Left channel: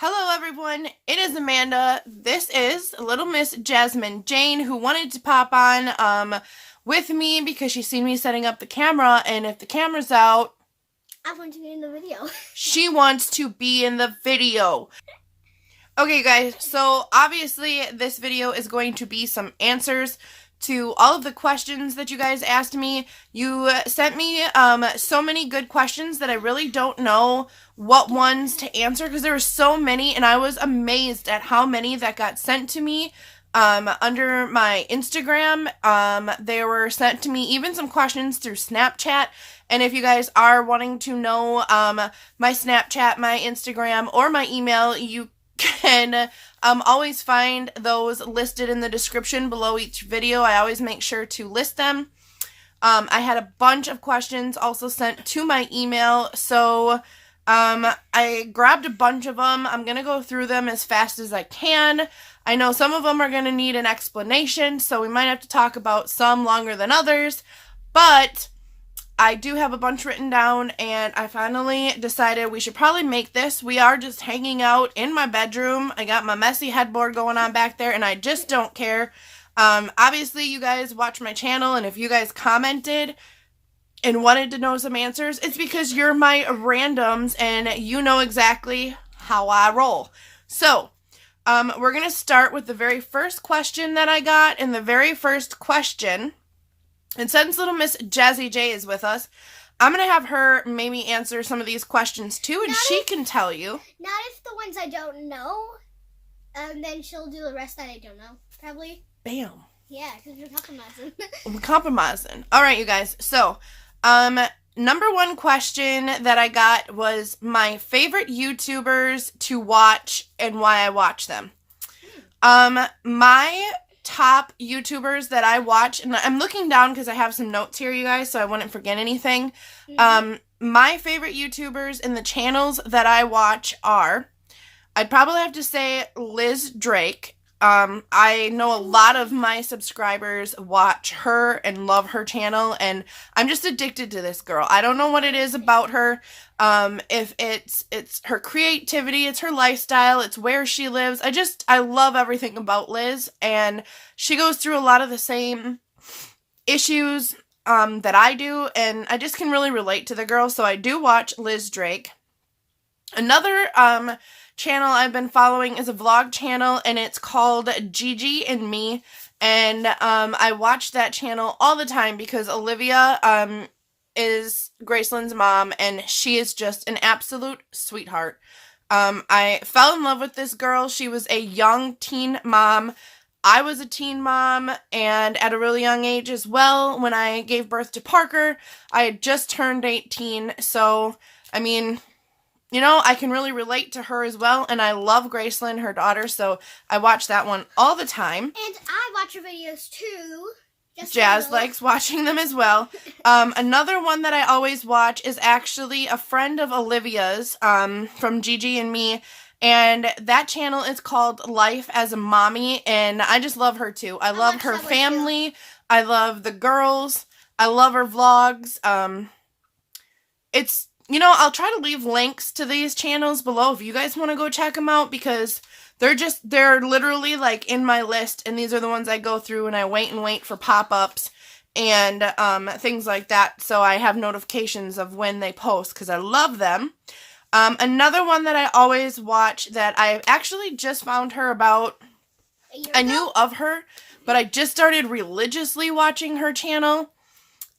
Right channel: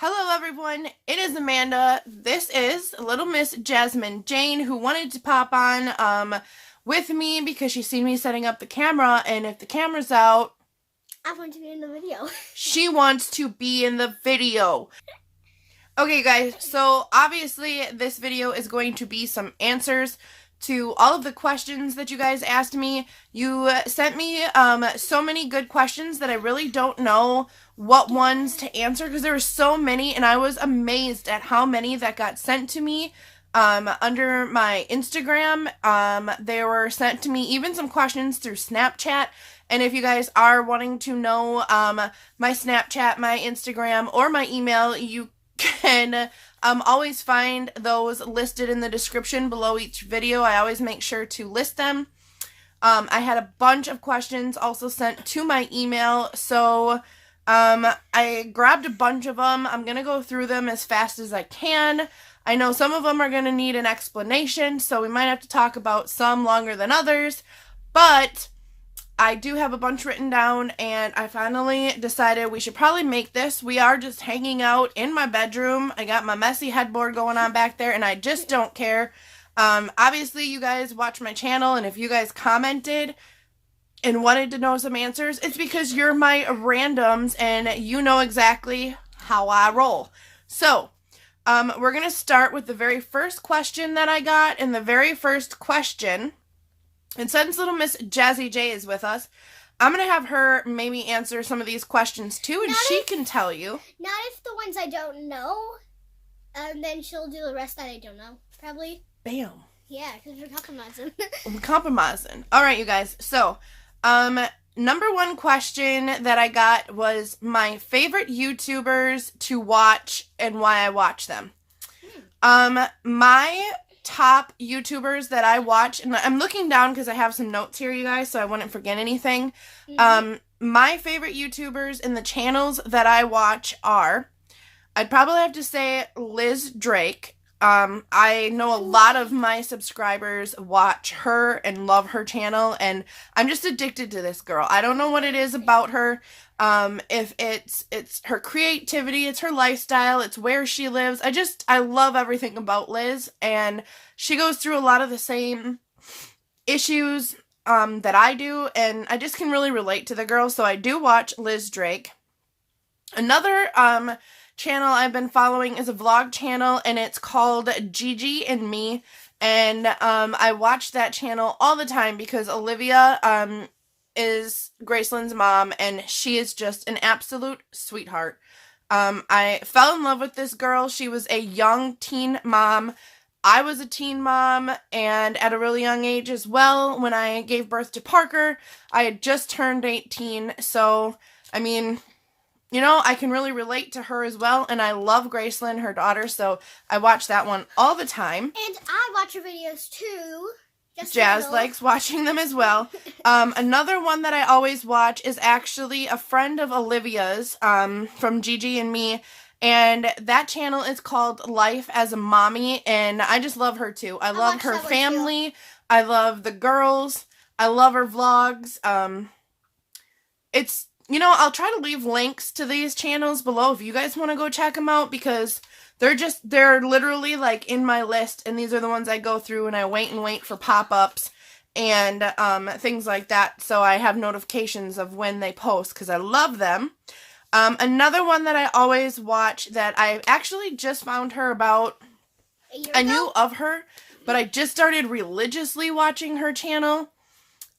Hello everyone, it is Amanda. This is little Miss Jasmine Jane who wanted to pop on with me because she's seen me setting up the camera, and if the camera's out, I want to be in the video. She wants to be in the video. Okay guys, so obviously this video is going to be some answers to all of the questions that you guys asked me. You sent me so many good questions that I really don't know what ones to answer because there were so many, and I was amazed at how many that got sent to me under my Instagram. They were sent to me, even some questions through Snapchat. And if you guys are wanting to know my Snapchat, my Instagram, or my email, you can always find those listed in the description below each video. I always make sure to list them. I had a bunch of questions also sent to my email, so I grabbed a bunch of them. I'm going to go through them as fast as I can. I know some of them are going to need an explanation, so we might have to talk about some longer than others, but I do have a bunch written down, and I finally decided we should probably make this. We are just hanging out in my bedroom. I got my messy headboard going on back there, and I just don't care. Obviously, you guys watch my channel, and if you guys commented and wanted to know some answers, it's because you're my randoms, and you know exactly how I roll. So, we're going to start with the very first question that I got, and the very first question, and since little Miss Jazzy J is with us, I'm going to have her maybe answer some of these questions too, and she can tell you. Not if the ones I don't know, and then she'll do the rest that I don't know, probably. Bam. Yeah, because we're compromising. We're compromising. All right, you guys. So, number one question that I got was my favorite YouTubers to watch and why I watch them. My top YouTubers that I watch, and I'm looking down because I have some notes here, you guys, so I wouldn't forget anything. My favorite YouTubers in the channels that I watch are, I'd probably have to say Liz Drake. I know a lot of my subscribers watch her and love her channel, and I'm just addicted to this girl. I don't know what it is about her. If it's her creativity, it's her lifestyle, it's where she lives. I love everything about Liz, and she goes through a lot of the same issues, that I do, and I just can really relate to the girl, so I do watch Liz Drake. Another, channel I've been following is a vlog channel, and it's called Gigi and Me, and, I watch that channel all the time because Olivia, is Graceland's mom, and she is just an absolute sweetheart. I fell in love with this girl. She was a young teen mom. I was a teen mom, and at a really young age as well. When I gave birth to Parker, I had just turned 18, so, I mean, you know, I can really relate to her as well, and I love Graceland, her daughter, so I watch that one all the time. And I watch her videos too. Jazz likes watching them as well. Another one that I always watch is actually a friend of Olivia's, from Gigi and Me, and that channel is called Life as a Mommy, and I just love her too. I love her family. I love the girls. I love her vlogs. You know, I'll try to leave links to these channels below if you guys want to go check them out, because they're literally like in my list, and these are the ones I go through, and I wait for pop-ups and things like that, so I have notifications of when they post because I love them. Another one that I always watch that I actually just found her about, I knew of her, but I just started religiously watching her channel.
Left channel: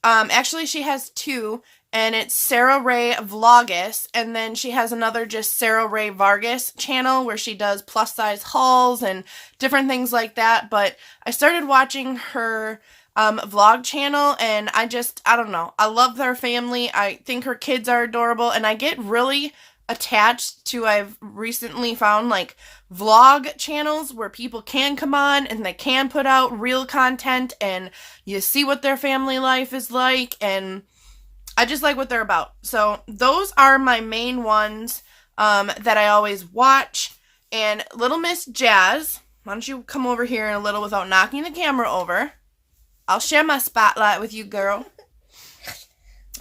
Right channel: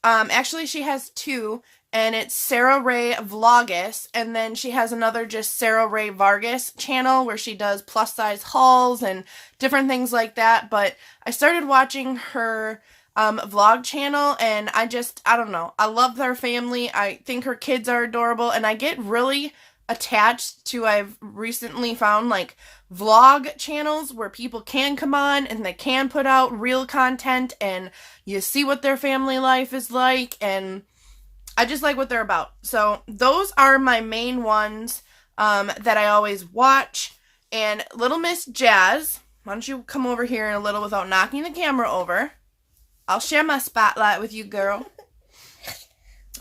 Actually, she has two, and it's Sarah Ray Vlogus, and then she has another just Sarah Ray Vargas channel where she does plus size hauls and different things like that. But I started watching her vlog channel, and I don't know, I love their family. I think her kids are adorable, and I get really attached to, I've recently found like vlog channels where people can come on and they can put out real content, and you see what their family life is like, and I just like what they're about. So those are my main ones that I always watch. And little Miss Jazz, why don't you come over here in a little without knocking the camera over? I'll share my spotlight with you, girl.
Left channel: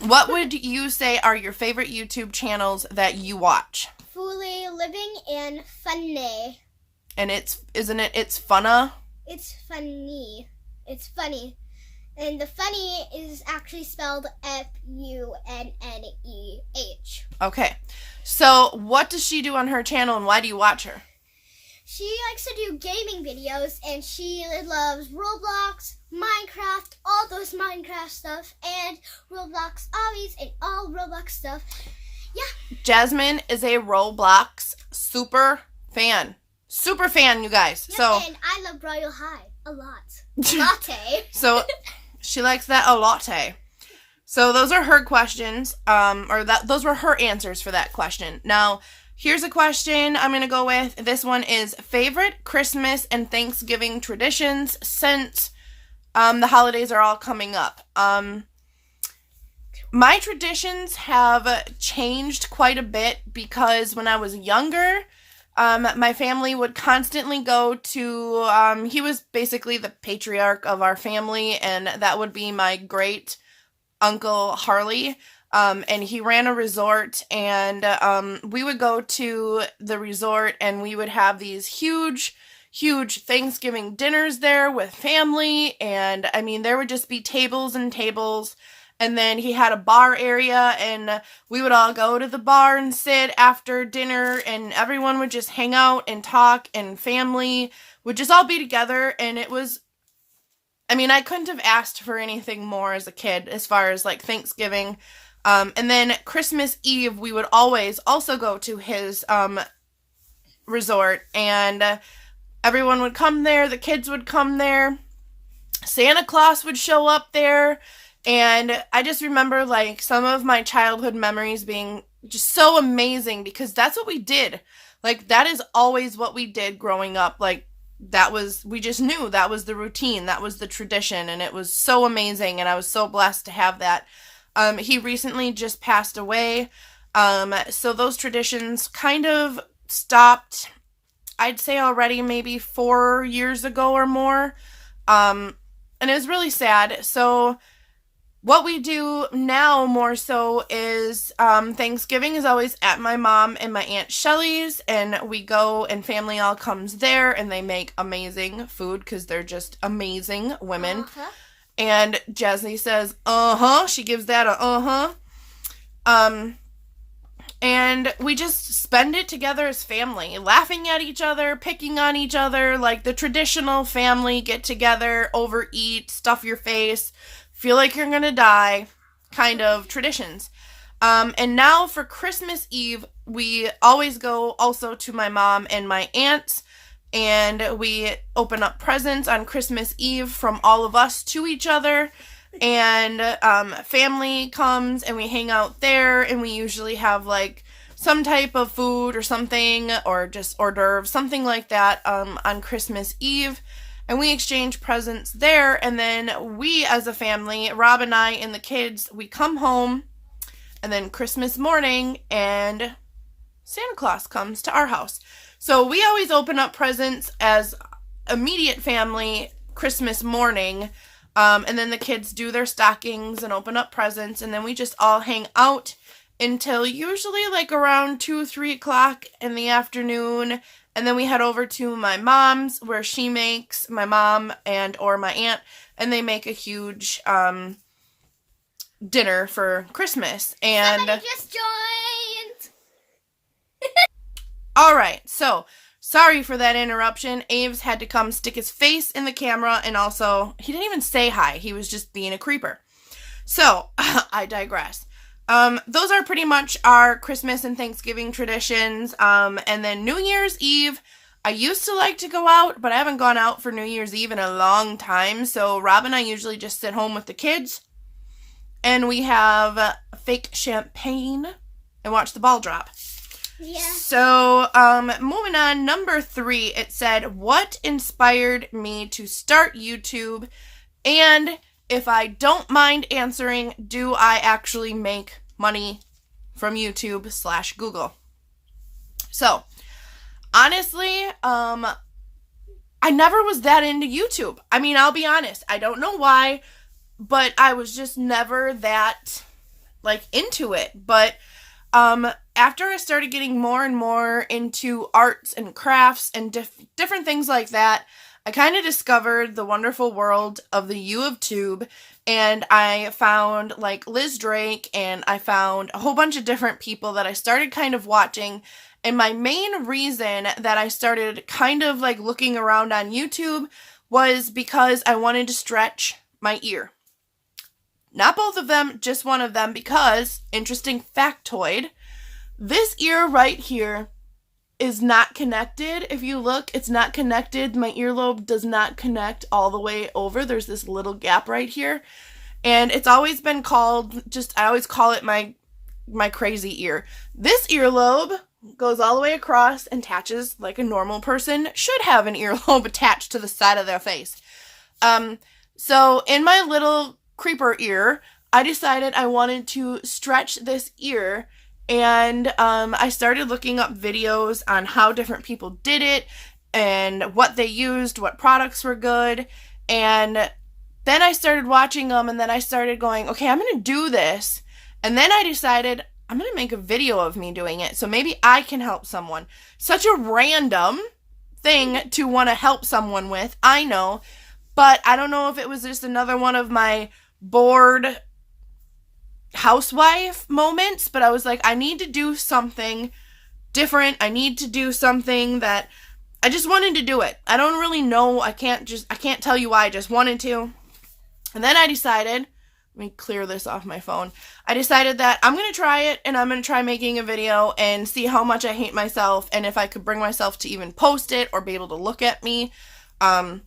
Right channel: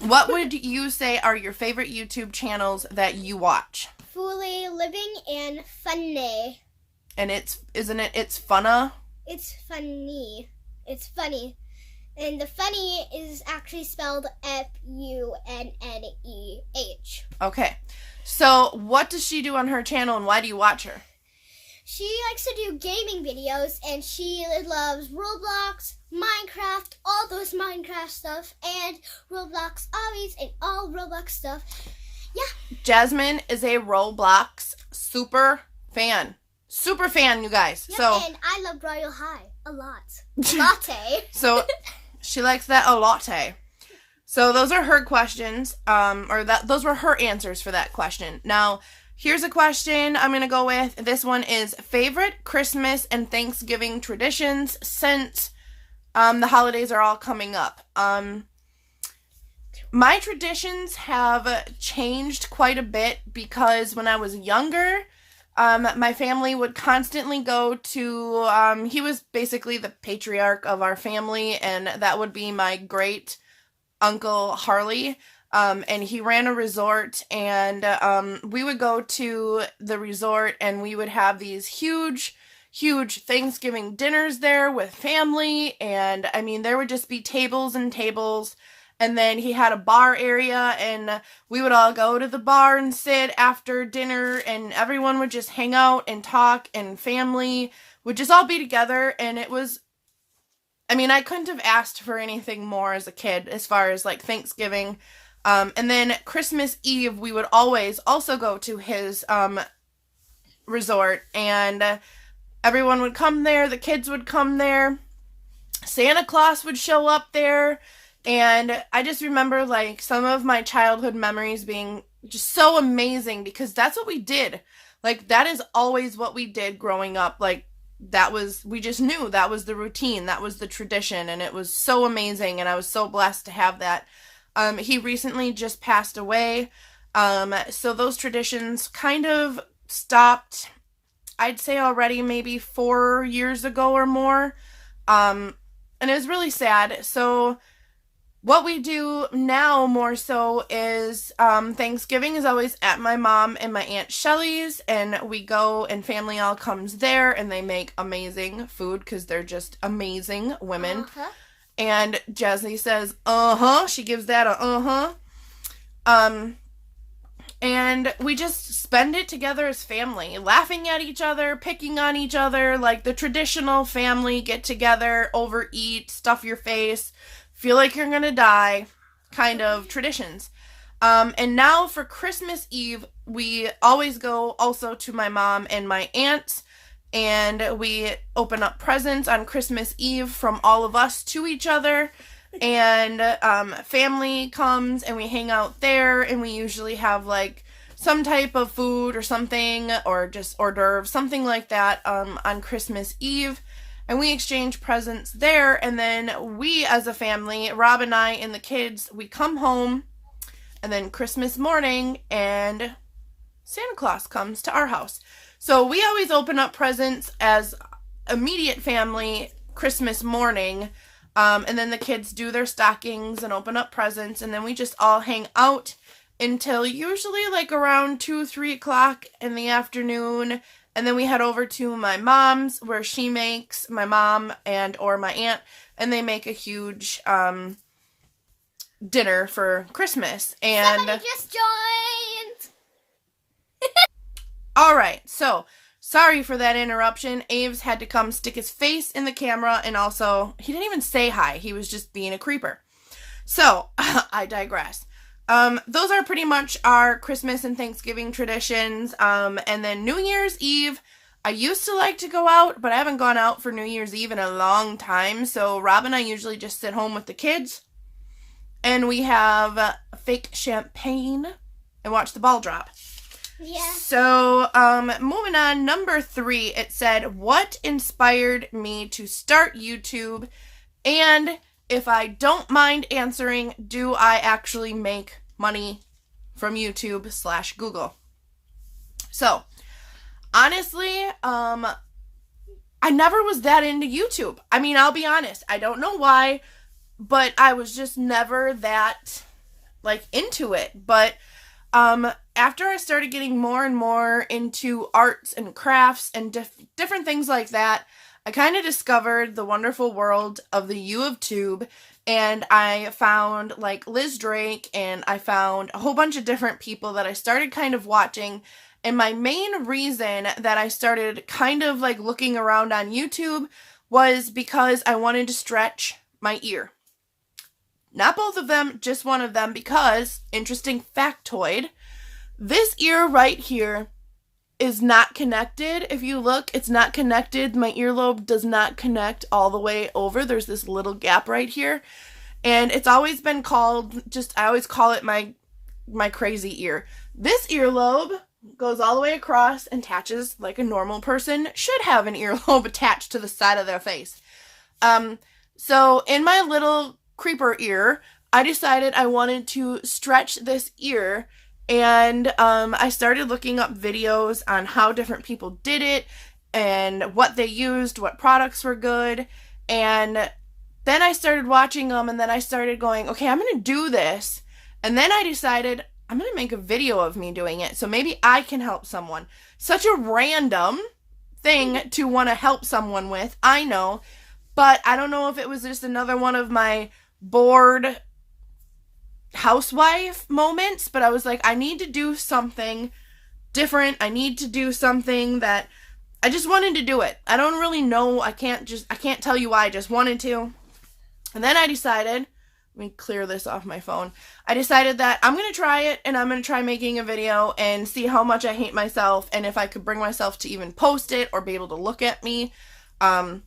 What would you say are your favorite YouTube channels that you watch? Fully living and funny. And isn't it, it's funna? It's funny. It's funny. And the funny is actually spelled Funneh. Okay. So what does she do on her channel and why do you watch her? She likes to do gaming videos and she loves Roblox, Minecraft, all those Minecraft stuff, and Roblox obbies and all Roblox stuff. Yeah. Jasmine is a Roblox super fan. Super fan, you guys. Yeah, so and I love Royal High a lot. Latte. So she likes that a latte. So those are her questions, those were her answers for that question. Now, here's a question I'm going to go with. This one is favorite Christmas and Thanksgiving traditions since the holidays are all coming up. My traditions have changed quite a bit because when I was younger, my family would constantly go to, he was basically the patriarch of our family, and that would be my great Uncle Harley. And he ran a resort, and we would go to the resort and we would have these huge Thanksgiving dinners there with family. And I mean, there would just be tables and tables. And then he had a bar area, and we would all go to the bar and sit after dinner, and everyone would just hang out and talk, and family would just all be together. And it was, I mean, I couldn't have asked for anything more as a kid as far as like Thanksgiving. And then Christmas Eve, we would always also go to his resort, and everyone would come there. The kids would come there. Santa Claus would show up there. And I just remember like some of my childhood memories being just so amazing because that's what we did. Like that is always what we did growing up. Like we just knew that was the routine. That was the tradition. And it was so amazing. And I was so blessed to have that. He recently just passed away. So those traditions kind of stopped, I'd say already maybe 4 years ago or more. And it was really sad. So what we do now more so is Thanksgiving is always at my mom and my Aunt Shelley's, and we go and family all comes there, and they make amazing food because they're just amazing women. Uh-huh. And Jessie says, she gives that a and we just spend it together as family, laughing at each other, picking on each other, like the traditional family get together, overeat, stuff your face, feel like you're gonna die kind of traditions. And now for Christmas Eve, we always go also to my mom and my aunt's, and we open up presents on Christmas Eve from all of us to each other. And family comes and we hang out there, and we usually have like some type of food or something, or just hors d'oeuvres, something like that on Christmas Eve. And we exchange presents there, and then we as a family, Rob and I and the kids, we come home, and then Christmas morning, and Santa Claus comes to our house. So we always open up presents as immediate family Christmas morning, and then the kids do their stockings and open up presents, and then we just all hang out until usually like around 2-3 o'clock in the afternoon. And then we head over to my mom's, where she makes, my mom and or my aunt, and they make a huge dinner for Christmas. And Somebody just joined. all right, so sorry for that interruption. Aves had to come stick his face in the camera, and also he didn't even say hi. He was just being a creeper. So I digress. Those are pretty much our Christmas and Thanksgiving traditions. And then New Year's Eve, I used to like to go out, but I haven't gone out for New Year's Eve in a long time. So Rob and I usually just sit home with the kids, and we have fake champagne and watch the ball drop. Yeah. So, moving on, number 3, it said, what inspired me to start YouTube? And if I don't mind answering, do I actually make money from YouTube/Google? So, honestly, I never was that into YouTube. I mean, I'll be honest. I don't know why, but I was just never that, like, into it. But, after I started getting more and more into arts and crafts and different things like that, I kind of discovered the wonderful world of the U of Tube, and I found like Liz Drake, and I found a whole bunch of different people that I started kind of watching. And my main reason that I started kind of like looking around on YouTube was because I wanted to stretch my ear. Not both of them, just one of them, because, interesting factoid, this ear right here is not connected. If you look, it's not connected. My earlobe does not connect all the way over. There's this little gap right here. And it's always been called, I always call it my crazy ear. This earlobe goes all the way across and attaches like a normal person should have an earlobe attached to the side of their face. So in my little creeper ear, I decided I wanted to stretch this ear. And I started looking up videos on how different people did it and what they used, what products were good. And then I started watching them, and then I started going, okay, I'm going to do this. And then I decided I'm going to make a video of me doing it, so maybe I can help someone. Such a random thing to want to help someone with, I know. But I don't know if it was just another one of my bored housewife moments, but I was like, I need to do something different. I need to do something that I just wanted to do it. I don't really know. I can't tell you why. I just wanted to. And then I decided, let me clear this off my phone. I decided that I'm going to try it, and I'm going to try making a video and see how much I hate myself, and if I could bring myself to even post it or be able to look at me. And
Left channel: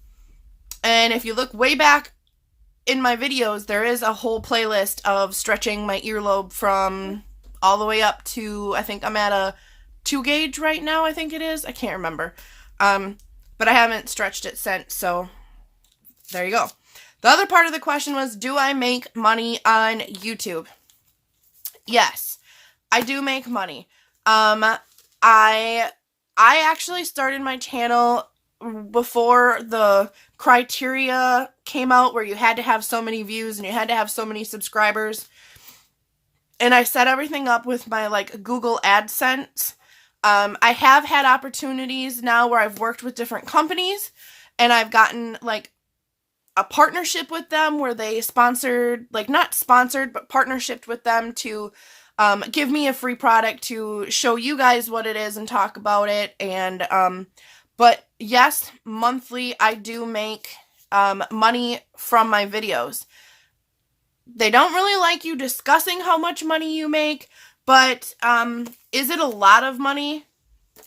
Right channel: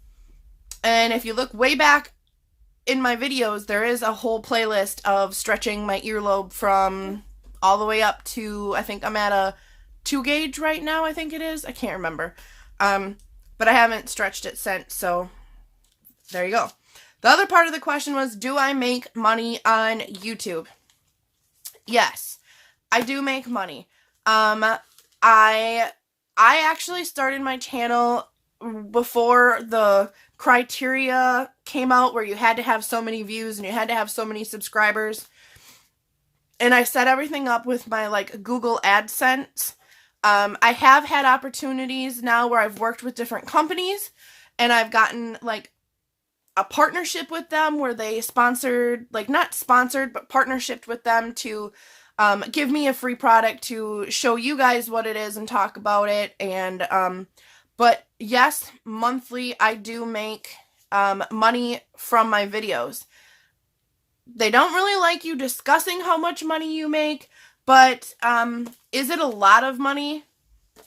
if you look way back in my videos, there is a whole playlist of stretching my earlobe from all the way up to, I think I'm at a 2 gauge right now, I think it is. I can't remember. But I haven't stretched it since, so there you go. The other part of the question was, do I make money on YouTube? Yes, I do make money. I actually started my channel before the criteria came out where you had to have so many views and you had to have so many subscribers. And I set everything up with my like Google AdSense. I have had opportunities now where I've worked with different companies, and I've gotten like a partnership with them where they sponsored, like not sponsored, but partnershiped with them to give me a free product to show you guys what it is and talk about it. And but yes, monthly I do make money from my videos. They don't really like you discussing how much money you make, but is it a lot of money?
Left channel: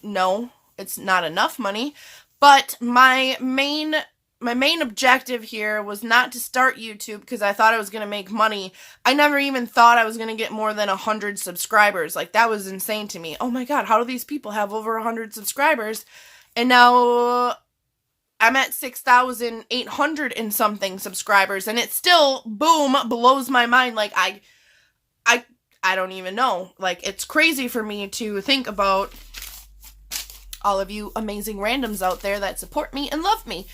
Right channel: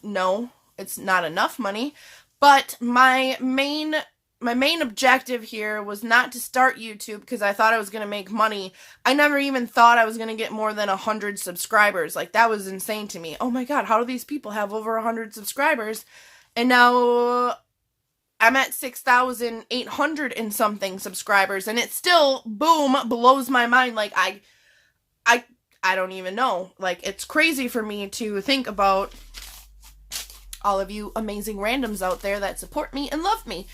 No, it's not enough money. But my main objective here was not to start YouTube because I thought I was going to make money. I never even thought I was going to get more than 100 subscribers. Like, that was insane to me. Oh my God, how do these people have over 100 subscribers? And now I'm at 6,800 and something subscribers, and it still, boom, blows my mind. Like, I don't even know. Like, it's crazy for me to think about all of you amazing randoms out there that support me and love me.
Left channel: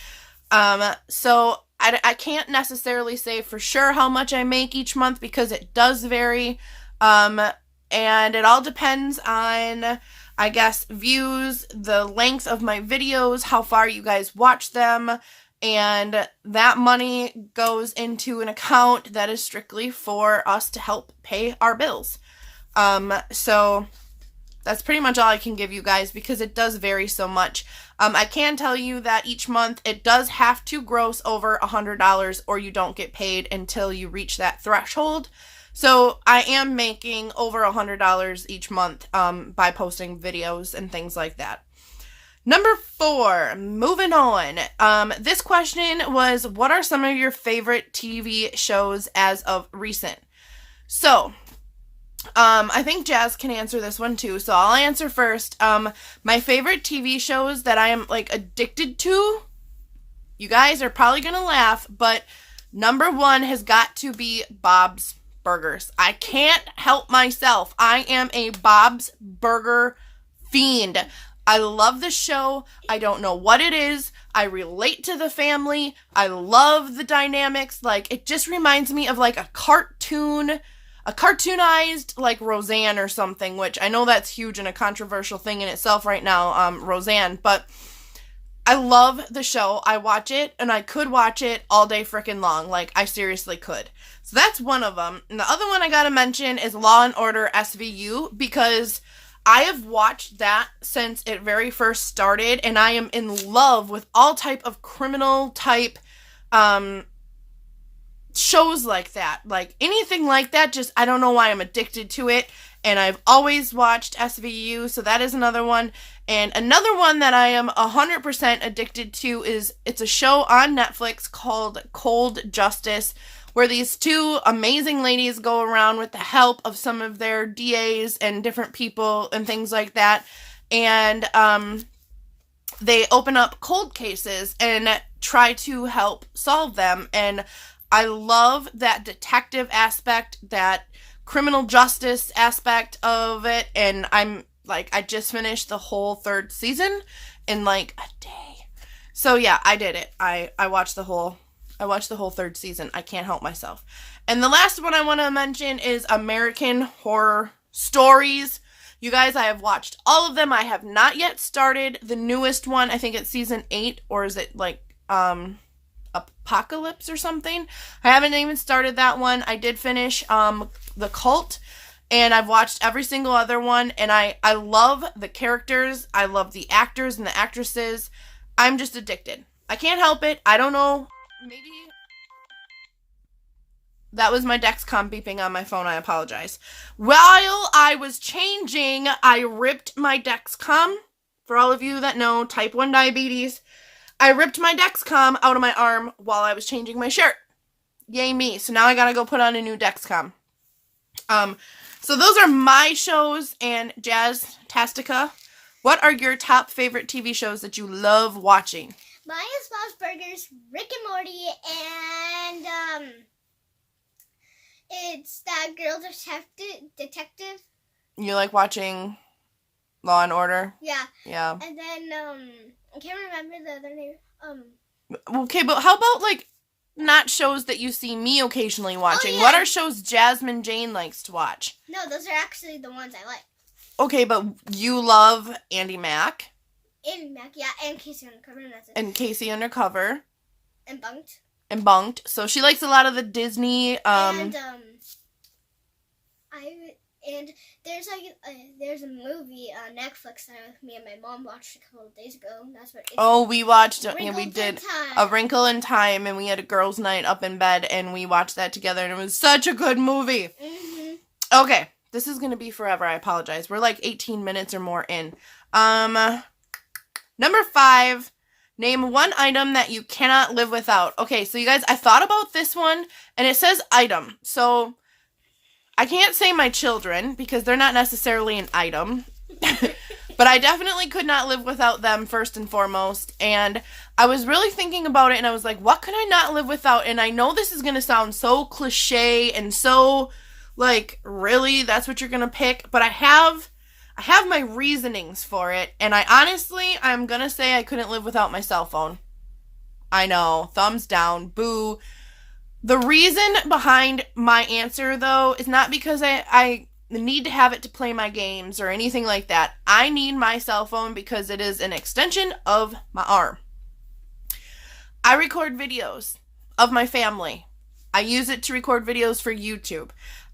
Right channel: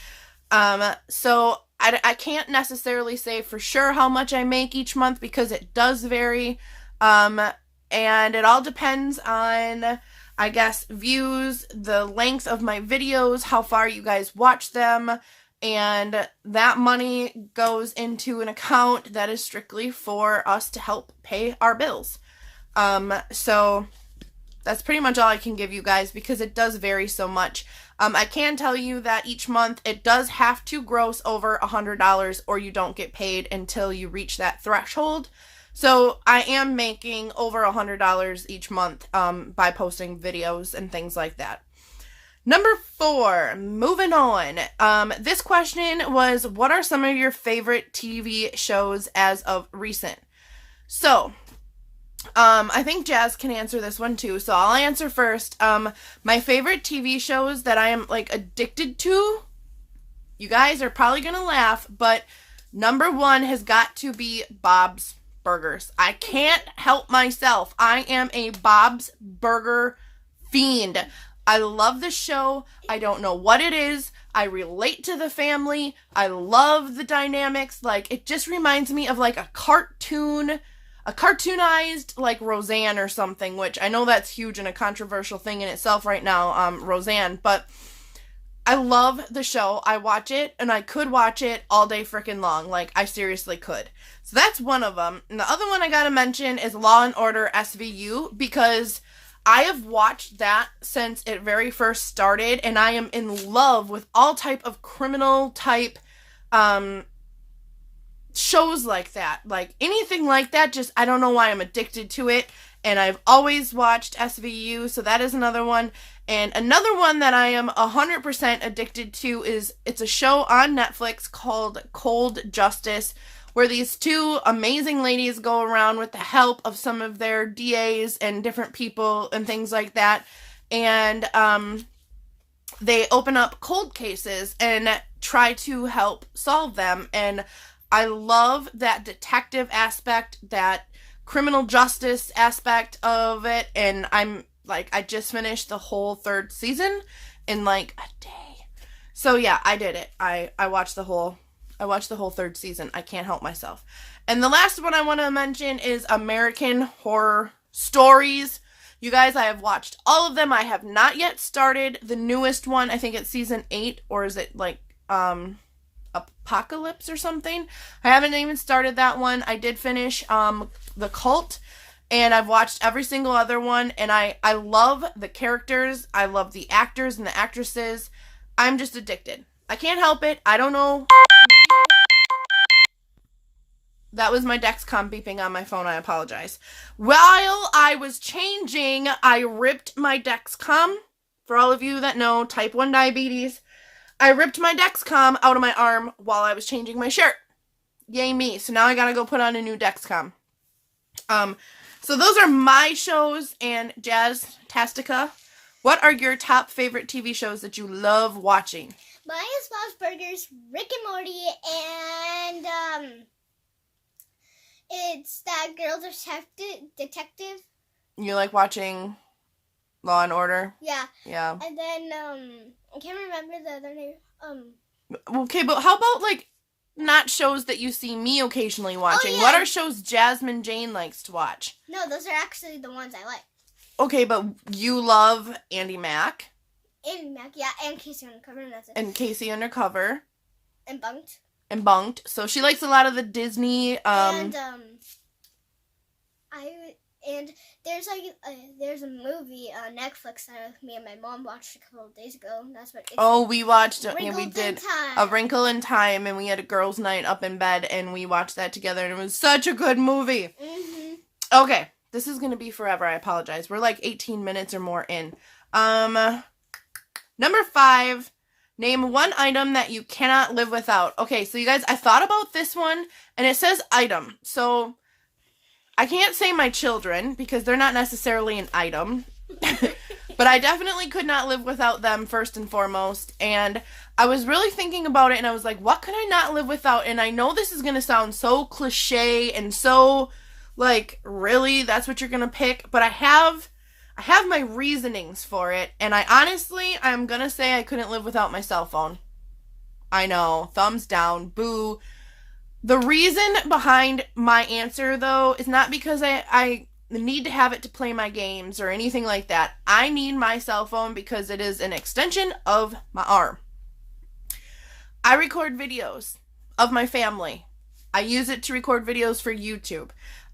So I can't necessarily say for sure how much I make each month because it does vary. And it all depends on, I guess, views, the length of my videos, how far you guys watch them, and that money goes into an account that is strictly for us to help pay our bills. So that's pretty much all I can give you guys because it does vary so much. I can tell you that each month it does have to gross over $100 or you don't get paid until you reach that threshold. So I am making over $100 each month by posting videos and things like that. Number 4, moving on. This question was, what are some of your favorite TV shows as of recent? So, I think Jazz can answer this one too, so I'll answer first. My favorite TV shows that I am, like, addicted to, you guys are probably gonna laugh, but number 1 has got to be Bob's Burgers. I can't help myself. I am a Bob's Burger fiend. I love the show. I don't know what it is. I relate to the family. I love the dynamics. Like, it just reminds me of, like, a cartoon a cartoonized, like, Roseanne or something, which I know that's huge and a controversial thing in itself right now, Roseanne, but I love the show. I watch it, and I could watch it all day freaking long. Like, I seriously could. So that's one of them. And the other one I gotta mention is Law and Order SVU, because I have watched that since it very first started, and I am in love with all type of criminal type shows like that. Like, anything like that, just, I don't know why I'm addicted to it, and I've always watched SVU, so that is another one. And another one that I am 100% addicted to is, it's a show on Netflix called Cold Justice, where these two amazing ladies go around with the help of some of their DAs and different people and things like that, and they open up cold cases and try to help solve them. And I love that detective aspect, that criminal justice aspect of it, and I just finished the whole 3rd season in like a day. So yeah, I did it. I watched the whole 3rd season. I can't help myself. And the last one I want to mention is American Horror Stories. You guys, I have watched all of them. I have not yet started the newest one. I think it's season 8, or is it like Apocalypse or something? I haven't even started that one. I did finish The Cult, and I've watched every single other one, and I love the characters. I love the actors and the actresses. I'm just addicted. I can't help it. I don't know. That was my Dexcom beeping on my phone. I apologize. While I was changing, I ripped my Dexcom. For all of you that know, type 1 diabetes. I ripped my Dexcom out of my arm while I was changing my shirt. Yay me. So now I gotta go put on a new Dexcom. So those are my shows. And Jazz Tastica, what are your top favorite TV shows that you love watching? Mine is Bob's Burgers, Rick and Morty, and it's that girl detective. You like watching Law and Order? Yeah. Yeah. And then I can't remember the other name. Okay, but how about like not shows that you see me occasionally watching? Oh, yeah. What are shows Jasmine Jane likes to watch? No, those are actually the ones I like. Okay, but you love Andy Mack. Andy Mack, yeah, and Casey Undercover, and that's it. And Casey Undercover. And Bunked. And Bunked. So she likes a lot of the Disney. And there's a movie on Netflix that me and my mom watched a couple of days ago. That's what. We watched. We did A Wrinkle in Time, and we had a girls' night up in bed, and we watched that together, and it was such a good movie. Mm-hmm. Okay, this is gonna be forever. I apologize. We're like 18 minutes or more in. Number 5. Name one item that you cannot live without. Okay, so you guys, I thought about this one, and it says item. So I can't say my children because they're not necessarily an item. But I definitely could not live without them first and foremost. And I was really thinking about it, and I was like, what could I not live without? And I know this is going to sound so cliche and so, like, really, that's what you're going to pick. But I have my reasonings for it, and I'm gonna say I couldn't live without my cell phone. I know, thumbs down, boo. The reason behind my answer, though, is not because I need to have it to play my games or anything like that. I need my cell phone because it is an extension of my arm. I record videos of my family. I use it to record videos for YouTube.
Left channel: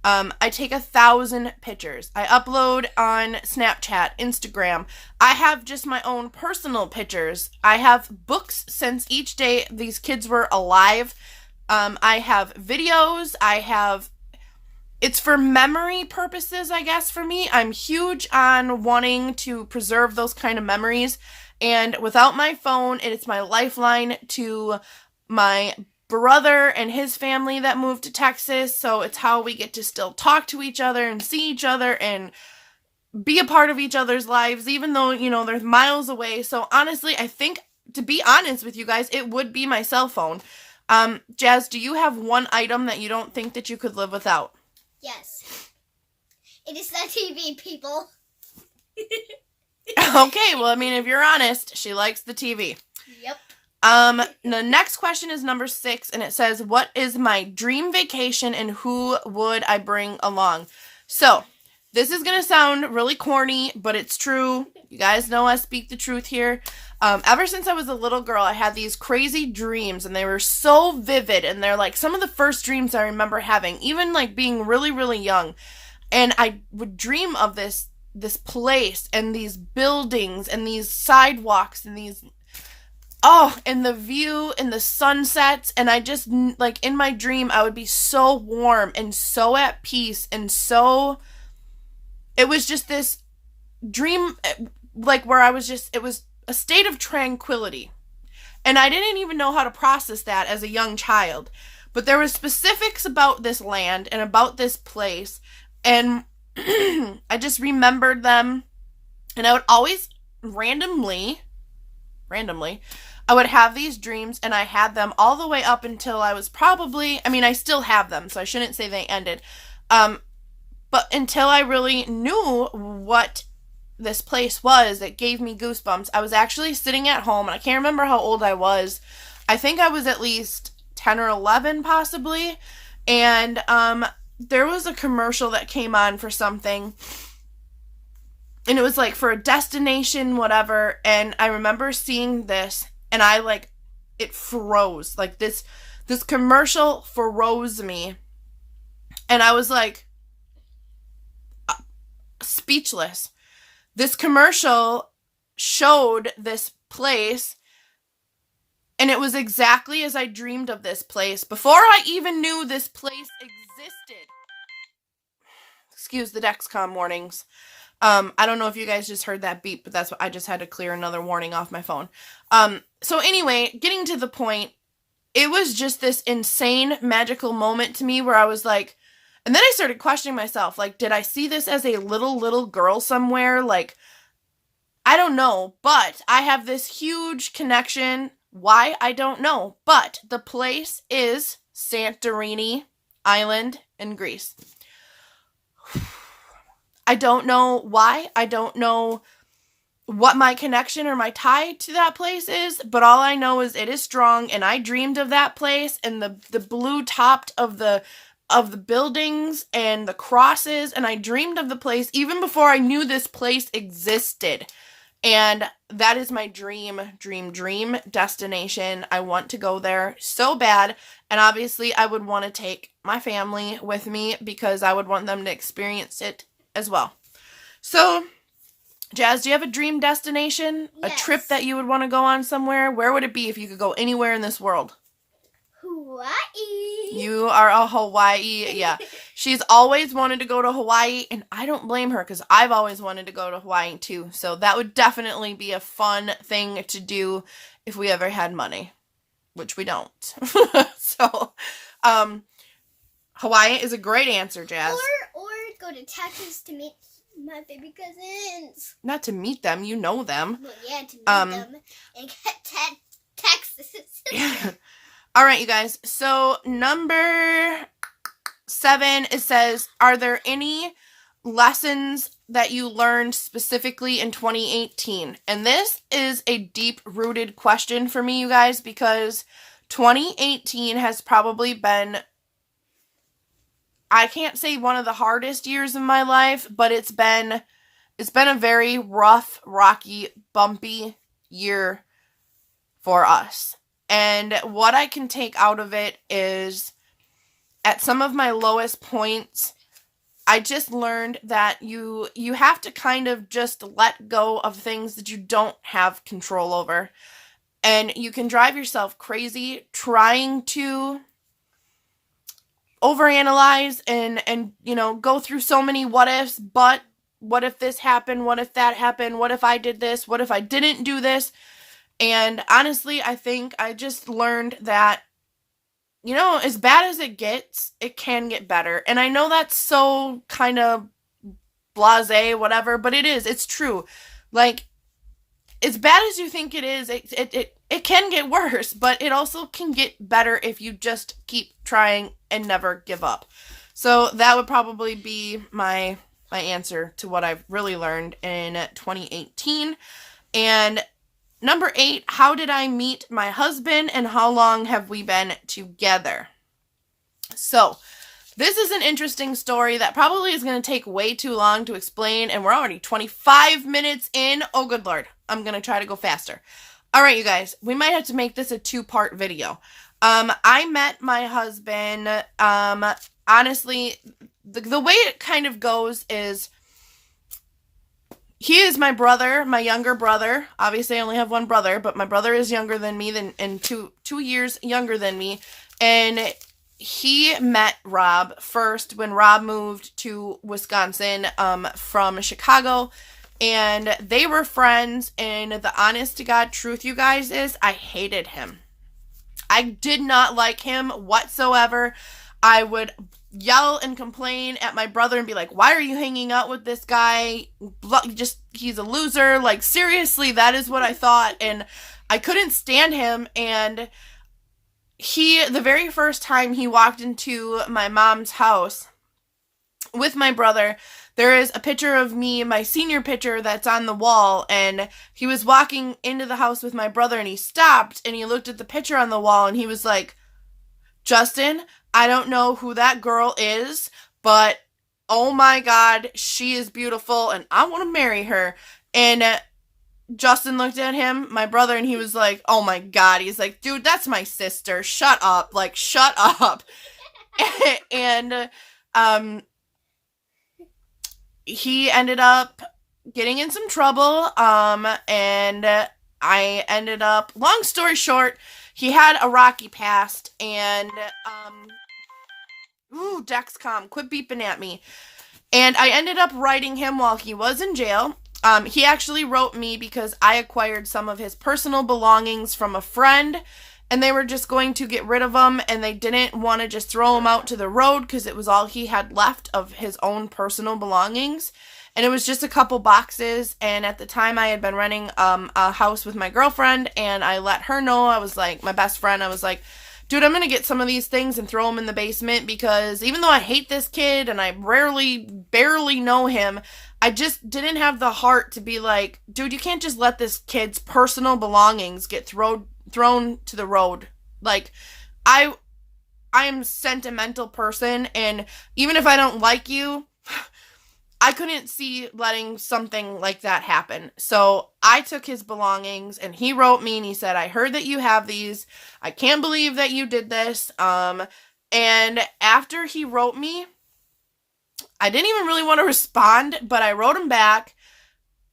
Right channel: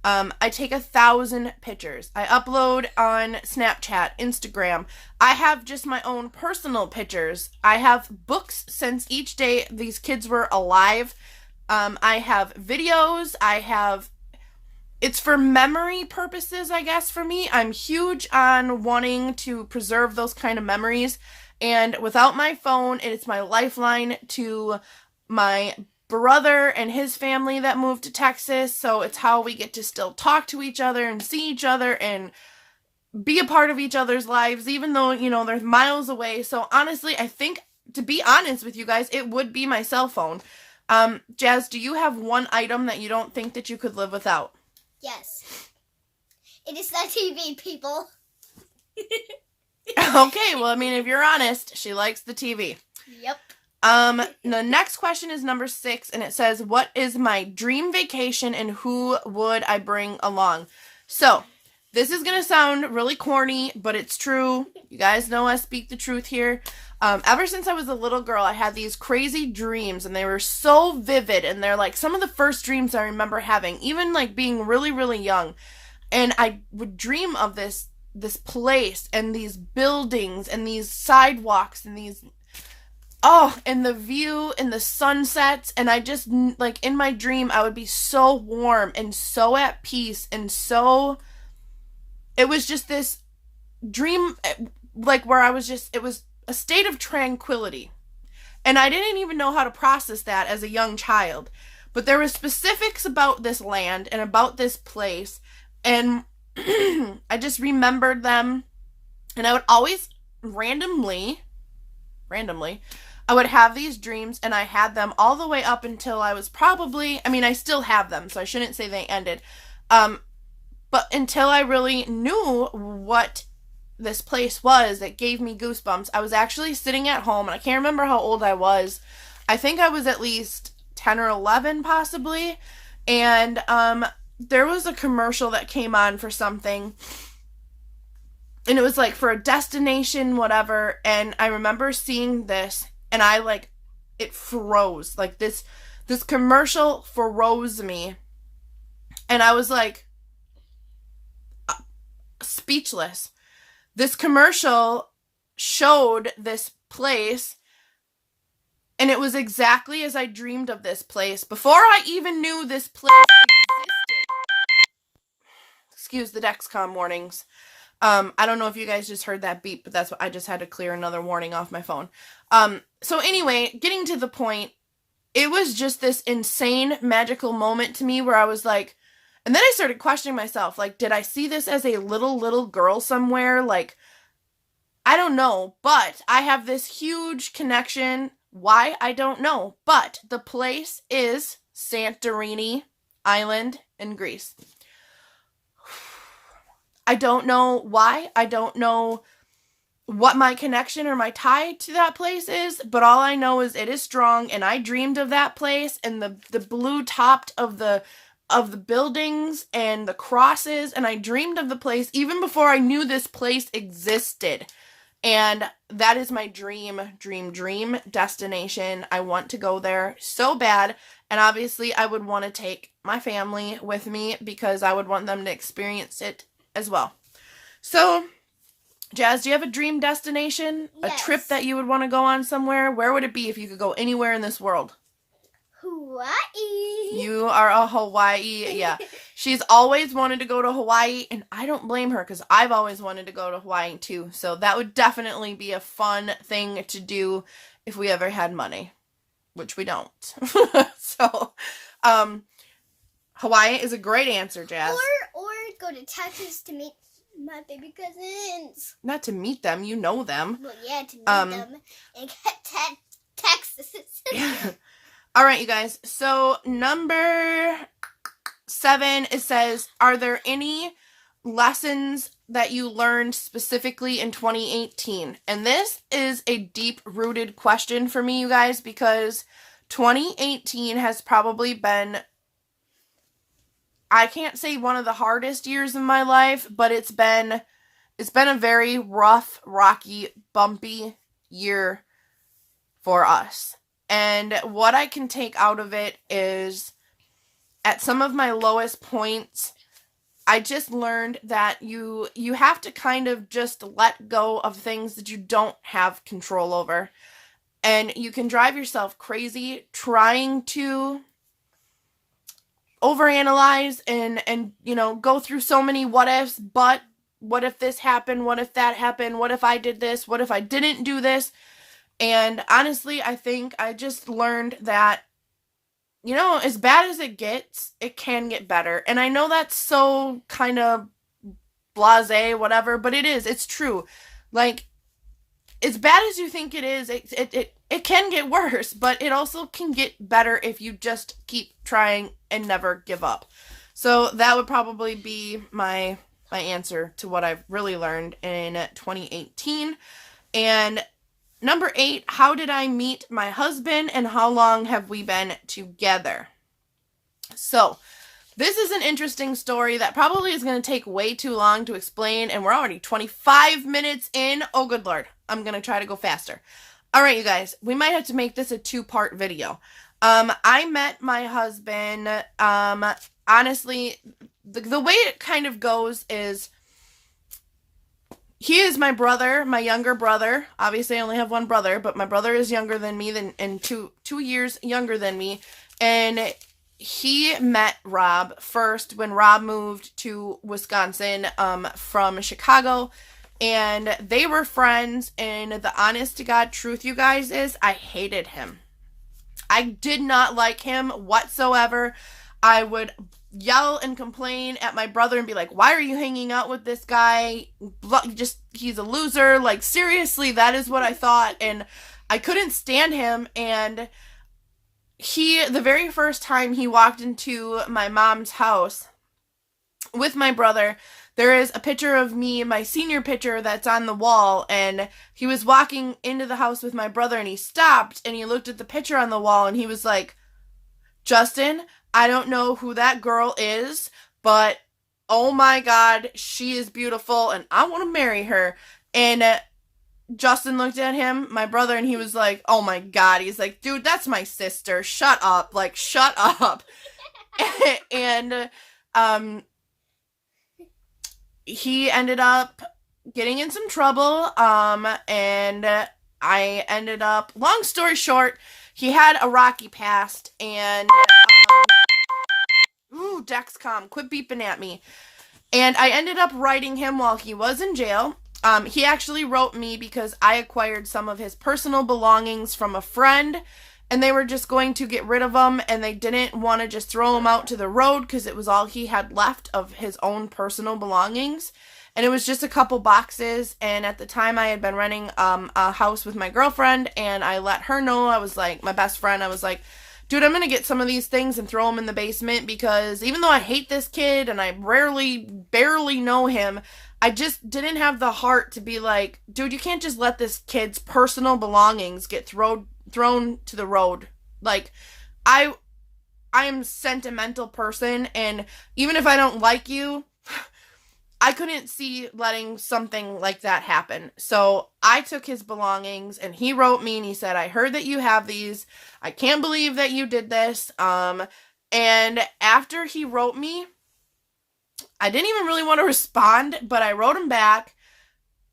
I take 1,000 pictures. I upload on Snapchat, Instagram. I have just my own personal pictures. I have books since each day these kids were alive. I have videos. It's for memory purposes, I guess, for me. I'm huge on wanting to preserve those kind of memories. And without my phone, it's my lifeline to my brother and his family that moved to Texas, so it's how we get to still talk to each other and see each other and be a part of each other's lives, even though, there's miles away. So honestly, I think, to be honest with you guys, it would be my cell phone. Jazz, do you have one item that you don't think that you could live without? Yes. It is the TV, people. Okay, well, if you're honest, she likes the TV. Yep. The next question is number 6, and it says, what is my dream vacation and who would I bring along? So, this is going to sound really corny, but it's true. You guys know I speak the truth here. Ever since I was a little girl, I had these crazy dreams, and they were so vivid, and they're like some of the first dreams I remember having, even like being really, really young. And I would dream of this place, and these buildings, and these sidewalks, and these... Oh, and the view and the sunsets, and I just, like, in my dream, I would be so warm and so at peace and so, it was just this dream, like, where I was just, it was a state of tranquility, and I didn't even know how to process that as a young child, but there were specifics about this land and about this place, and I just remembered them, and I would always randomly, I would have these dreams, and I had them all the way up until I was probably, I mean, I still have them, so I shouldn't say they ended, but until I really knew what this place was, it gave me goosebumps. I was actually sitting at home, and I can't remember how old I was. I think I was at least 10 or 11, possibly, and there was a commercial that came on for something, and it was like for a destination, whatever, and I remember seeing this, and I, like, it froze. Like, this commercial froze me, and I was, like, speechless. This commercial showed this place, and it was exactly as I dreamed of this place, before I even knew this place existed. Excuse the Dexcom warnings. I don't know if you guys just heard that beep, but that's what I just had to clear another warning off my phone. So anyway, getting to the point, it was just this insane magical moment to me where I was like, and then I started questioning myself, like, did I see this as a little girl somewhere? Like, I don't know, but I have this huge connection. Why? I don't know, but the place is Santorini Island in Greece. I don't know why. I don't know what my connection or my tie to that place is, but all I know is it is strong, and I dreamed of that place, and the blue topped of the buildings and the crosses, and I dreamed of the place even before I knew this place existed. And that is my dream destination. I want to go there so bad, and obviously I would want to take my family with me because I would want them to experience it as well. So, Jazz, do you have a dream destination? Yes. A trip that you would want to go on somewhere? Where would it be if you could go anywhere in this world? Hawaii. You are a Hawaii, yeah. She's always wanted to go to Hawaii, and I don't blame her because I've always wanted to go to Hawaii too. So that would definitely be a fun thing to do if we ever had money, which we don't. So, Hawaii is a great answer, Jazz. Or go to Texas to meet my baby cousins. Not to meet them, you know them. Well, yeah, to meet them and get Texas. All right, you guys. So number 7, it says, are there any lessons that you learned specifically in 2018? And this is a deep-rooted question for me, you guys, because 2018 has probably been, I can't say one of the hardest years of my life, but it's been a very rough, rocky, bumpy year for us. And what I can take out of it is, at some of my lowest points, I just learned that you have to kind of just let go of things that you don't have control over. And you can drive yourself crazy trying to overanalyze and go through so many what ifs, but what if this happened? What if that happened? What if I did this? What if I didn't do this? And honestly, I think I just learned that, as bad as it gets, it can get better. And I know that's so kind of blasé, whatever, but it's true. Like, as bad as you think it is, it can get worse, but it also can get better if you just keep trying and never give up. So that would probably be my answer to what I've really learned in 2018. And Number 8, how did I meet my husband and how long have we been together? So, this is an interesting story that probably is going to take way too long to explain, and we're already 25 minutes in. Oh, good Lord. I'm going to try to go faster. All right, you guys, we might have to make this a 2-part video. I met my husband, honestly, the way it kind of goes is, he is my brother, my younger brother. Obviously, I only have one brother, but my brother is younger than me, and two years younger than me, and he met Rob first when Rob moved to Wisconsin from Chicago, and they were friends, and the honest to God truth, you guys, is I hated him. I did not like him whatsoever. I would yell and complain at my brother and be like, why are you hanging out with this guy? He's a loser. Like, seriously, that is what I thought, and I couldn't stand him, and the very first time he walked into my mom's house with my brother, there is a picture of me, my senior picture, that's on the wall, and he was walking into the house with my brother, and he stopped, and he looked at the picture on the wall, and he was like, Justin, I don't know who that girl is, but oh my God, she is beautiful, and I want to marry her. And Justin looked at him, my brother, and he was like, oh my God. He's like, dude, that's my sister. Shut up. Like, shut up. And he ended up getting in some trouble. And I ended up, long story short, he had a rocky past, and ooh, Dexcom, quit beeping at me. And I ended up writing him while he was in jail. He actually wrote me because I acquired some of his personal belongings from a friend, and they were just going to get rid of them, and they didn't want to just throw them out to the road because it was all he had left of his own personal belongings. And it was just a couple boxes, and at the time I had been renting a house with my girlfriend, and I let her know. I was like, my best friend, I was like, dude, I'm going to get some of these things and throw them in the basement, because even though I hate this kid and I barely know him, I just didn't have the heart to be like, dude, you can't just let this kid's personal belongings get thrown to the road. Like, I am a sentimental person, and even if I don't like you, I couldn't see letting something like that happen. So I took his belongings, and he wrote me, and he said, I heard that you have these. I can't believe that you did this. And after he wrote me, I didn't even really want to respond, but I wrote him back,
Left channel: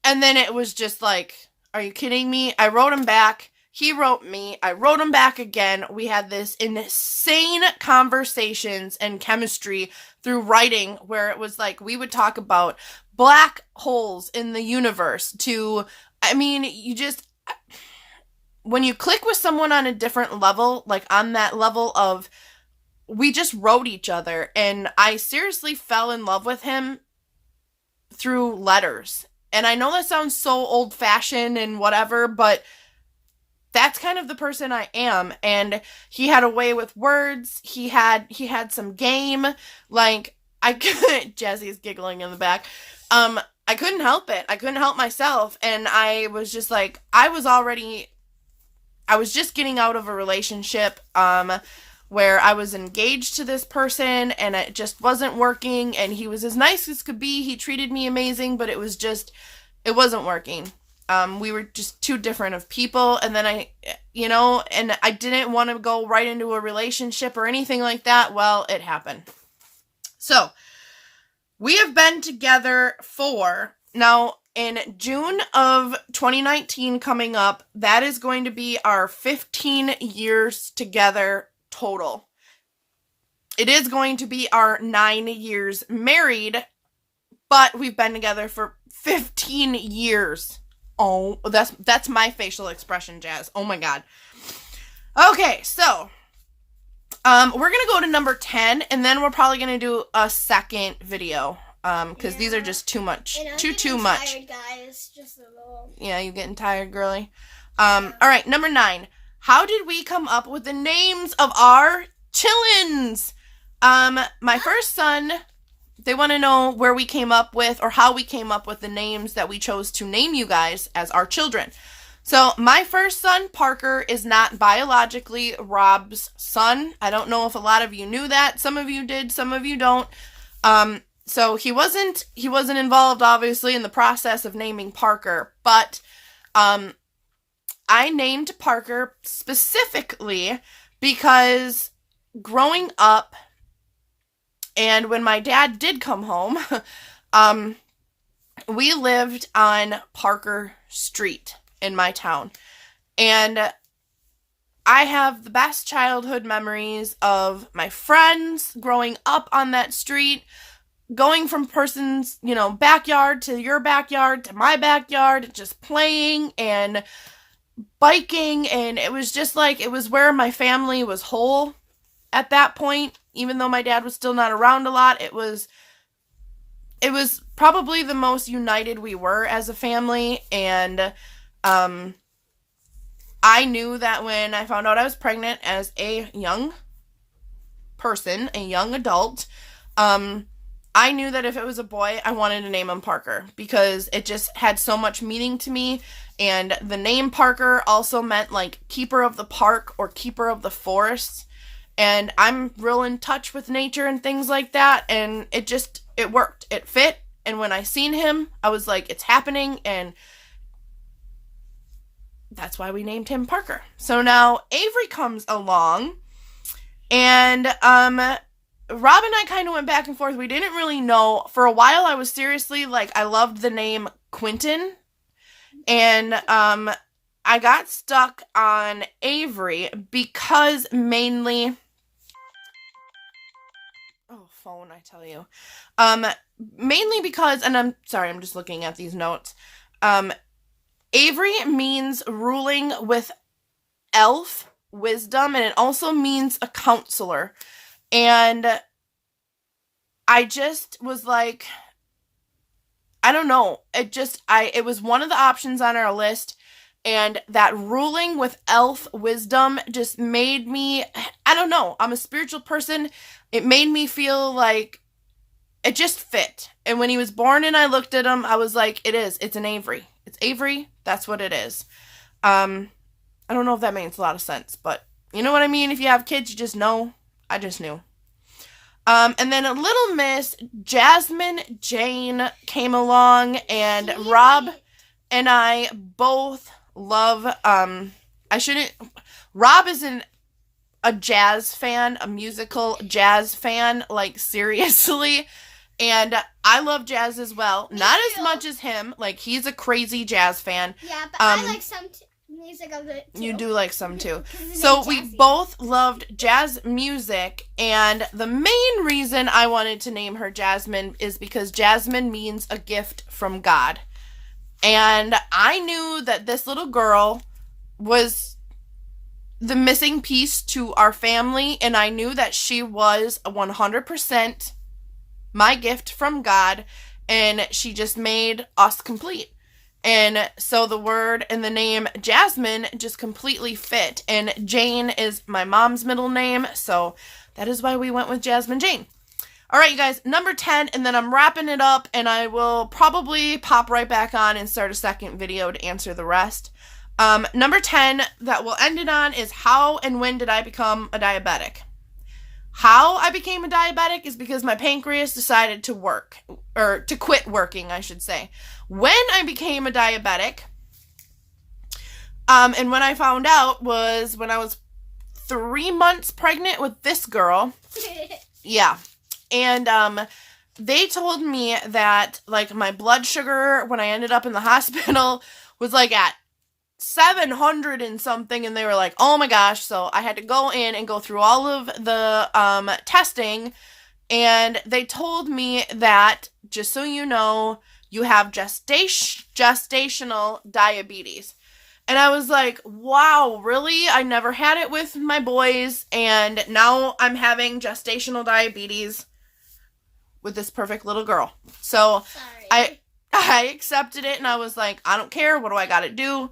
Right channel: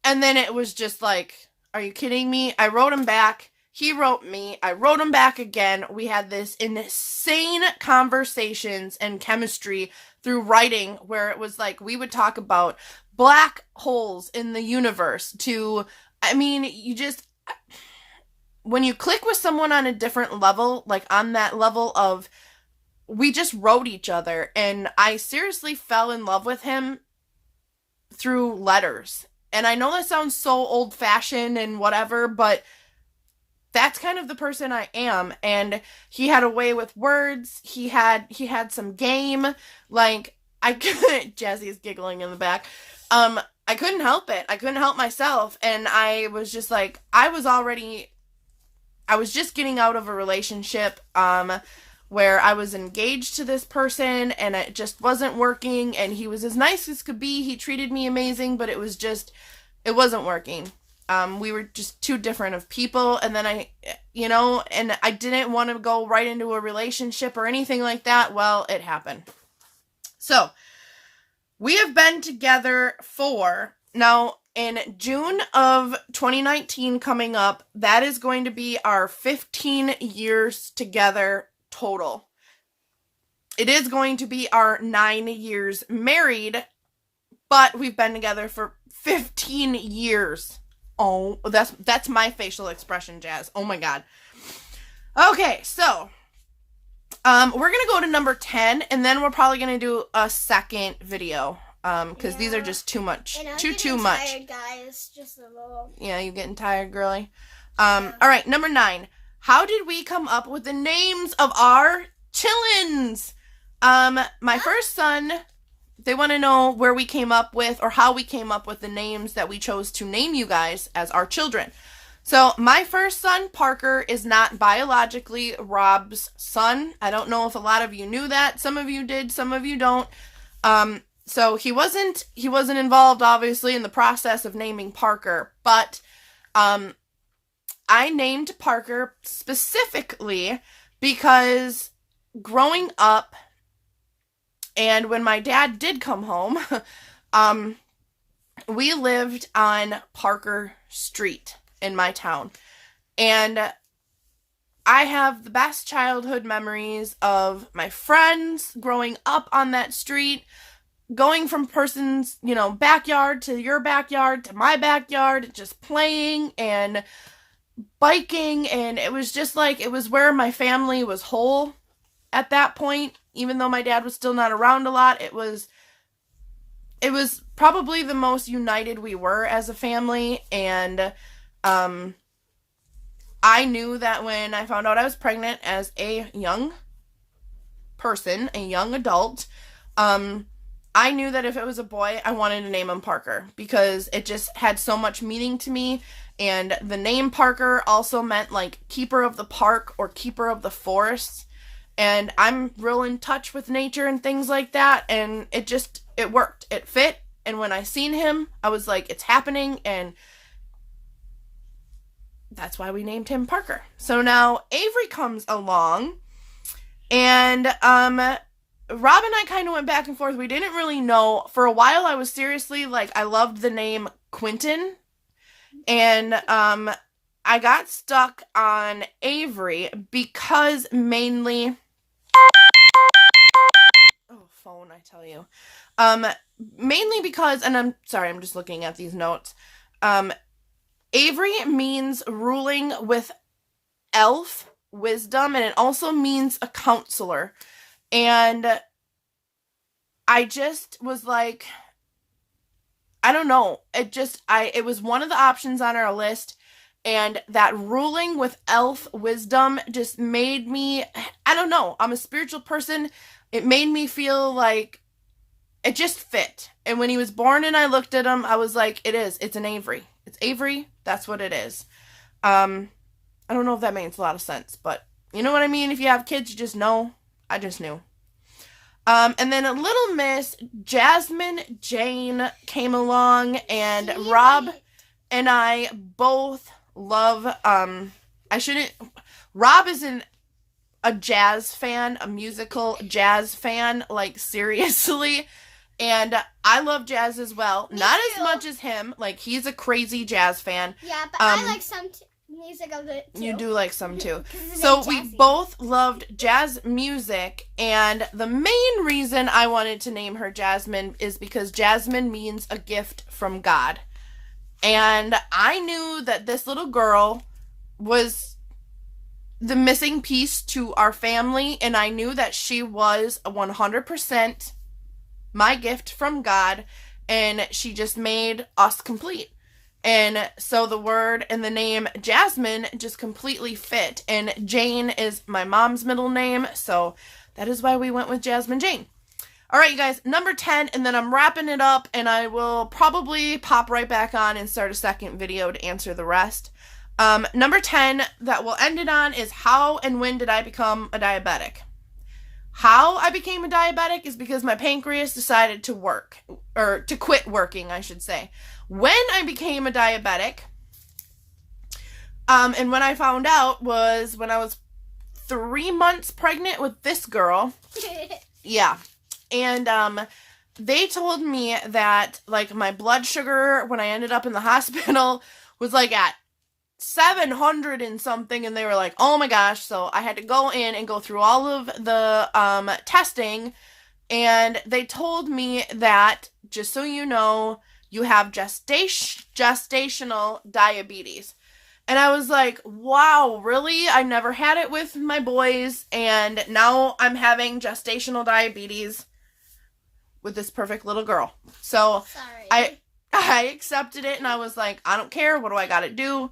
and then it was just like, are you kidding me? I wrote him back. He wrote me. I wrote him back again. We had this insane conversations and chemistry through writing, where it was like we would talk about black holes in the universe when you click with someone on a different level, like on that level of, we just wrote each other, and I seriously fell in love with him through letters. And I know that sounds so old-fashioned and whatever, but that's kind of the person I am. And he had a way with words. He had some game. Like, Jesse's giggling in the back. I couldn't help it. I couldn't help myself. And I was just like, I was just getting out of a relationship, where I was engaged to this person, and it just wasn't working, and he was as nice as could be. He treated me amazing, but it wasn't working. We were just too different of people, and then and I didn't want to go right into a relationship or anything like that. Well, it happened. So, we have been together now, in June of 2019 coming up, that is going to be our 15 years together total. It is going to be our 9 years married, but we've been together for 15 years. Oh, that's my facial expression, Jazz. Oh my God. Okay, so we're gonna go to number 10, and then we're probably gonna do a second video, because these are just too much, too much. Tired, guys, just a little. Yeah, you getting tired, girly? All right, number 9. How did we come up with the names of our chillins? My first son, they want to know where we came up with, or how we came up with the names that we chose to name you guys as our children. So my first son, Parker, is not biologically Rob's son. I don't know if a lot of you knew that. Some of you did, some of you don't. So he wasn't involved, obviously, in the process of naming Parker, but I named Parker specifically because growing up, and when my dad did come home, we lived on Parker Street in my town. And I have the best childhood memories of my friends growing up on that street, going from person's, backyard to your backyard to my backyard, just playing and biking. And it was just like, it was where my family was whole at that point. Even though my dad was still not around a lot, it was probably the most united we were as a family. And I knew that when I found out I was pregnant as a young person, a young adult, I knew that if it was a boy, I wanted to name him Parker because it just had so much meaning to me. And the name Parker also meant like keeper of the park or keeper of the forest. And I'm real in touch with nature and things like that. And it worked. It fit. And when I seen him, I was like, it's happening. And that's why we named him Parker. So now Avery comes along, and Rob and I kind of went back and forth. We didn't really know. For a while, I was seriously like, I loved the name Quentin. And I got stuck on Avery because mainly... Oh, phone, I tell you. Mainly because, and I'm sorry, I'm just looking at these notes. Avery means ruling with elf wisdom, and it also means a counselor. And I just was like, I don't know. It was one of the options on our list, and that ruling with elf wisdom just made me, I don't know. I'm a spiritual person. It made me feel like it just fit. And when he was born and I looked at him, I was like, it's an Avery. It's Avery. That's what it is. I don't know if that makes a lot of sense, but you know what I mean? If you have kids, you just know. I just knew. And then a little miss, Jasmine Jane, came along, and Rob and I both love, Rob is a jazz fan, a musical jazz fan, like seriously. And I love jazz as well. Not as much as him. Like, he's a crazy jaz fan. Yeah, but I like some music of it too. You do like some too. So we both loved jazz music. And the main reason I wanted to name her Jasmine is because Jasmine means a gift from God. And I knew that this little girl was the missing piece to our family. And I knew that she was 100% my gift from God, and she just made us complete. And so the word and the name Jasmine just completely fit. And Jane is my mom's middle name, so that is why we went with Jasmine Jane. All right, you guys, number 10, and then I'm wrapping it up, and I will probably pop right back on and start a second video to answer the rest. Number 10 that we'll end it on is how and when did I become a diabetic? How I became a diabetic is because my pancreas decided to quit working, I should say. When I became a diabetic, and when I found out was when I was 3 months pregnant with this girl. Yeah. And, they told me that, like, my blood sugar, when I ended up in the hospital, was, like, at 700 and something, and they were like, oh my gosh. So I had to go in and go through all of the testing, and they told me that, just so you know, you have gestational diabetes. And I was like, wow, really? I never had it with my boys, and now I'm having gestational diabetes with this perfect little girl. So sorry. I accepted it, and I was like, I don't care. What do I gotta do?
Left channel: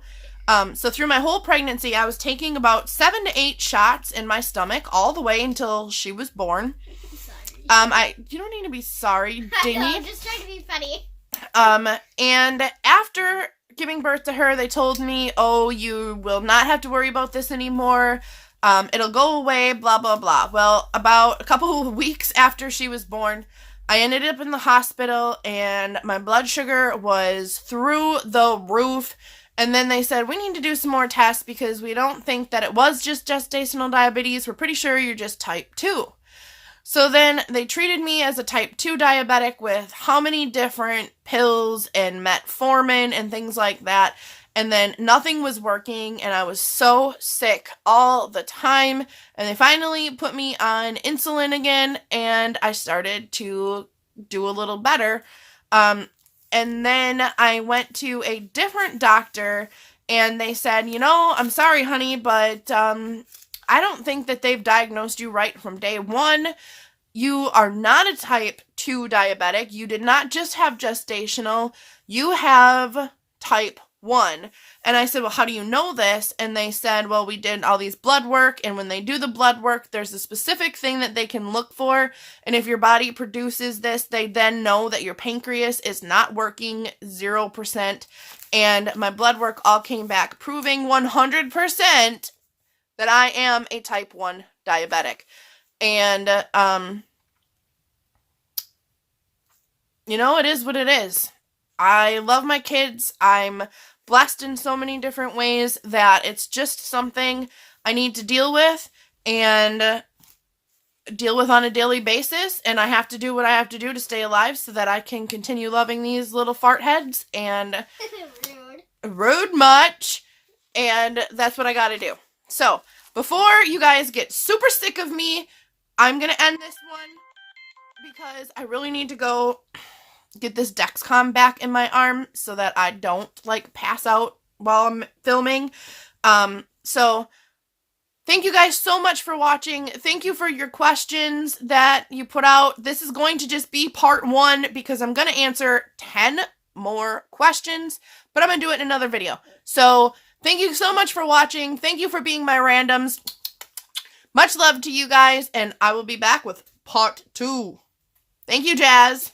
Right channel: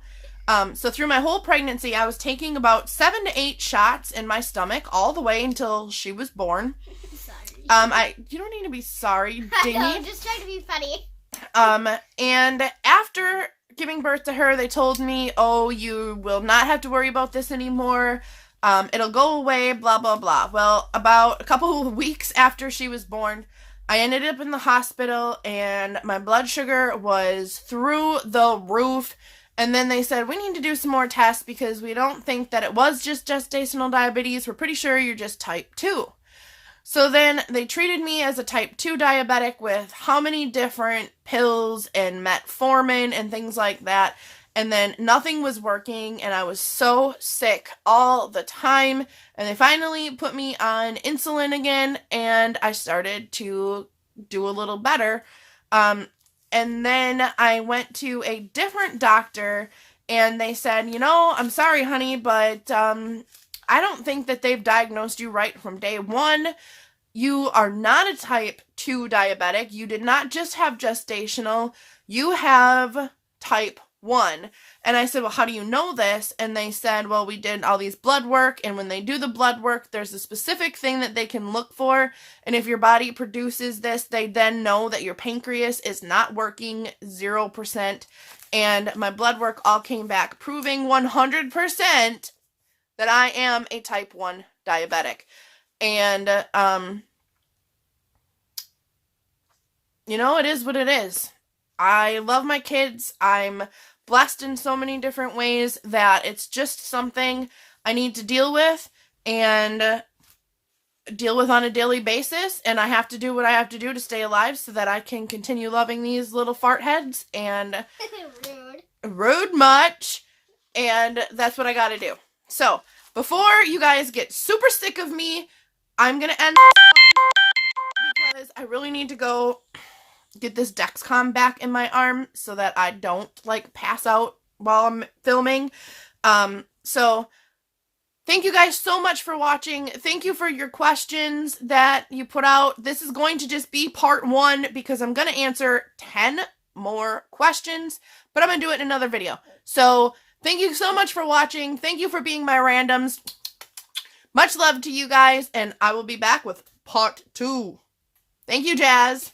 So through my whole pregnancy, I was taking about 7 to 8 shots in my stomach all the way until she was born. Sorry. You don't need to be sorry, Dingy. I know, I'm just trying to be funny. And after giving birth to her, they told me, oh, you will not have to worry about this anymore. It'll go away, blah, blah, blah. Well, about a couple of weeks after she was born, I ended up in the hospital and my blood sugar was through the roof. And then they said, we need to do some more tests because we don't think that it was just gestational diabetes. We're pretty sure you're just type 2. So then they treated me as a type 2 diabetic with how many different pills and metformin and things like that. And then nothing was working and I was so sick all the time. And they finally put me on insulin again and I started to do a little better. And then I went to a different doctor and they said, you know, I'm sorry, honey, but I don't think that they've diagnosed you right from day one. You are not a type 2 diabetic. You did not just have gestational. You have type 1. And I said, well, how do you know this? And they said, well, we did all these blood work. And when they do the blood work, there's a specific thing that they can look for. And if your body produces this, they then know that your pancreas is not working 0%. And my blood work all came back proving 100% that I am a type 1 diabetic. And, you know, it is what it is. I love my kids. I'm blessed in so many different ways that it's just something I need to deal with and deal with on a daily basis. And I have to do what I have to do to stay alive so that I can continue loving these little fart heads and rude much. And that's what I got to do. So before you guys get super sick of me, I'm going to end this one because I really need to go get this Dexcom back in my arm so that I don't, like, pass out while I'm filming. So thank you guys so much for watching. Thank you for your questions that you put out. This is going to just be part 1 because I'm going to answer 10 more questions, but I'm going to do it in another video. So thank you so much for watching. Thank you for being my randoms. Much love to you guys, and I will be back with part 2. Thank you, Jazz.